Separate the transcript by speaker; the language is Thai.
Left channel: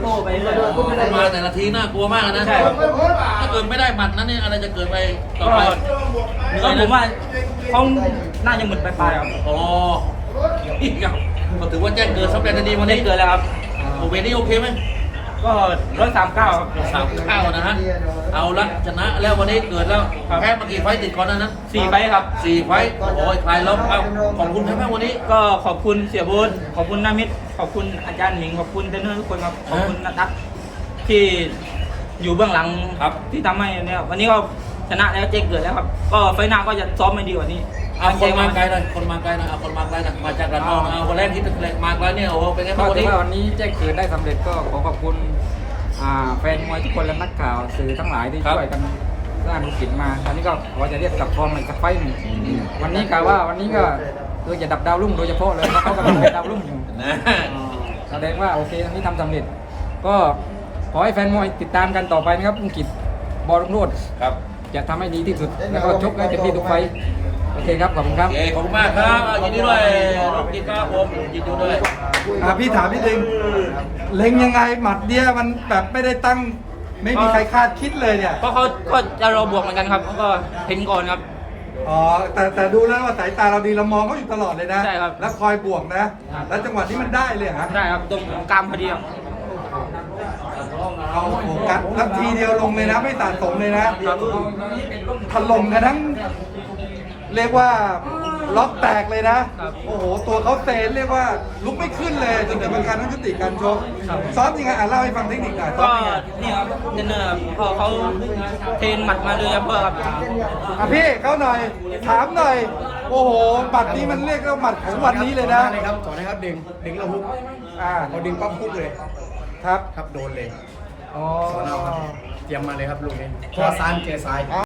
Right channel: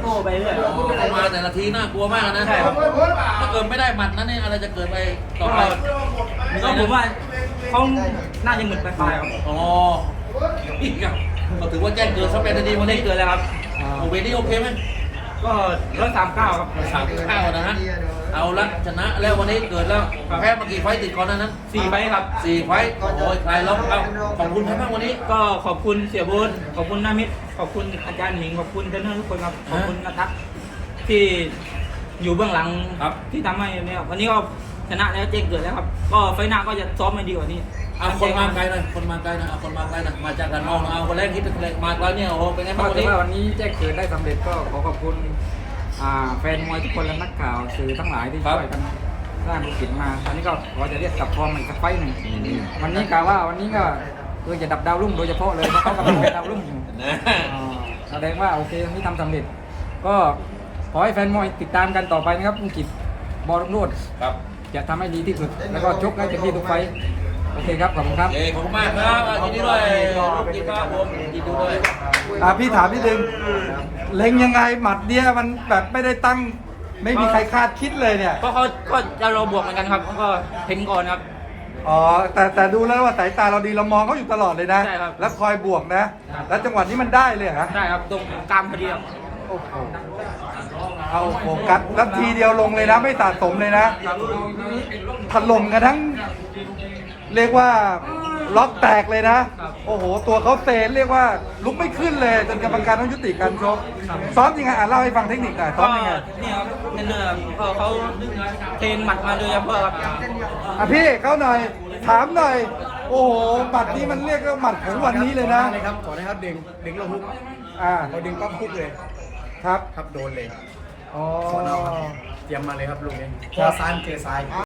Speaker 1: ต้ไปเรื่อย
Speaker 2: มาแต่ละทีน่ากลัวมากนะ
Speaker 1: ใช่ครับ
Speaker 2: ถ้าเกิดไม่ได้หมัดนั้นเนี่ยอะไรจะเกิดไปต่อไป
Speaker 1: ก็ผมว่าเขาน่าจะหมึนปลายๆครับ
Speaker 2: อ๋อนี่ครับก็ถือว่าแจ้งเกิดสำเร็จในดีวัน
Speaker 1: ได้
Speaker 2: นี้
Speaker 1: เกิดแล้วครับ
Speaker 2: โอเวนี่โอเคไหม
Speaker 1: ก็139ครับ
Speaker 2: 39นะฮะเอาละชนะแล้ววันนี้เกิดแล้วแพ้มากี่ไฟต์ติดก่อนหนานั้น
Speaker 1: 4 ไฟต์ครับ
Speaker 2: 4 ไฟต์โอ้ยใครล้มเอาขอบคุณครับวันนี้
Speaker 1: ก็ขอบคุณเสียบูธขอบคุณนามิตรขอบคุณอาจารย์หมิงขอบคุณเทรนเนอร์ทุกคนครับขอบคุณนัททัศน์ที่อยู่เบื้องหลัง
Speaker 2: ครับ
Speaker 1: ที่ทำให้เนี่ยวันนี้ก็ชนะแล้วเจ๊งเกิดแล้วครับก็ไฟล์หน้าก็จะซ้อมมาดีกว่านี้
Speaker 2: เอาคนมาไกลหน่อยคนมาไกลหน่อยเอาคนมาไกลหน่อยมาจากกันนอกเอาคนแรกที่มาไกลเนี่ยโอ้โหเป็นไง
Speaker 3: ก็
Speaker 2: บ้างวัน
Speaker 3: ถือ
Speaker 2: นี้
Speaker 3: ว่าวันนี้แจ้งเกิดได้สำเร็จก็ขอขอบคุณแฟนมวยทุกคนและนักข่าวสื่อทั้งหลายที่ช่วยกันสร้างธุรกิจมาตอนนี้ก็ขอจะเรียกกลับฟอร์มอีกสักไฟต์หนึ่งวันนี้กล่าวว่าวันนี้ก็คือจะดับดาวรุ่งโดยเฉพาะเลยเพราะเขากำลังเป็นดาวรุ่งอยู่
Speaker 2: นะ
Speaker 3: แสดงว่าโอเคตรงนี้ทำสำเร็จ ก็ขอให้แฟนมวยติดตามกันต่อไปนะครับลุงกิจบอลรุ่งโรจน์
Speaker 2: ครับ
Speaker 3: จะทำให้ดีที่สุด แล้วก็ชกให้เต็มที่ทุกไฟต์โอเคครับขอบคุณครับ
Speaker 2: โอเคขอบคุณมากครับยินดีด้วยลูกกินครับผมยินดีด้วย
Speaker 4: พี่ถามนิดนึงเล็งยังไงหมัดเนี้ยมันแบบไม่ได้ตั้งไม่มีใครคาดคิดเลยเนี่ย
Speaker 1: ก็เขาก็จะรอบวกเหมือนกันครับก็เห็นก่อนครับ
Speaker 4: อ๋อแต่ดูแล้วว่าสายตาเราดีเรามองเขาอยู่ตลอดเลยนะ
Speaker 1: ใช่ครับ
Speaker 4: แล้วคอยบวกนะ แล้วจังหวะนี้มันได้เลยฮะ
Speaker 1: ได้ครับตรงกลางพอดีครับ
Speaker 4: เอาโฟกัสแล้วทีเดียวลงเลยนะไม่ตัดสมเลยนะถล่มกันทั้งเรียกว่าล็อกแตกเลยนะ โอ้โหตัวเขาเซนเรียกว่าลุกไม่ขึ้นเลยตั้งแต่เป็นการต้องยุติการชกซ้อมยังไงเล่าให้ฟังเทคนิคหน่อย
Speaker 1: ก็นี่ครับเทรนเนอร์ครับก็เขาเทรนหมัดมาเลยครับเพื่อครับ
Speaker 4: พี่เขาหน่อยถามหน่อย โอ้โหบัตรนี้มันเรียกว่าบัตรของวันนี้เลยนะ
Speaker 5: เลยครับก่อนนะครับดึงเราฮุก พอดึงปั๊บฮุกเลย
Speaker 4: ครับ
Speaker 5: ครับโดนเลย
Speaker 4: อ๋อ
Speaker 5: สอนเอาครับ เตรียมมาเลยครับลูกนี้เพราะว่าซ้ายมันเจอซ้าย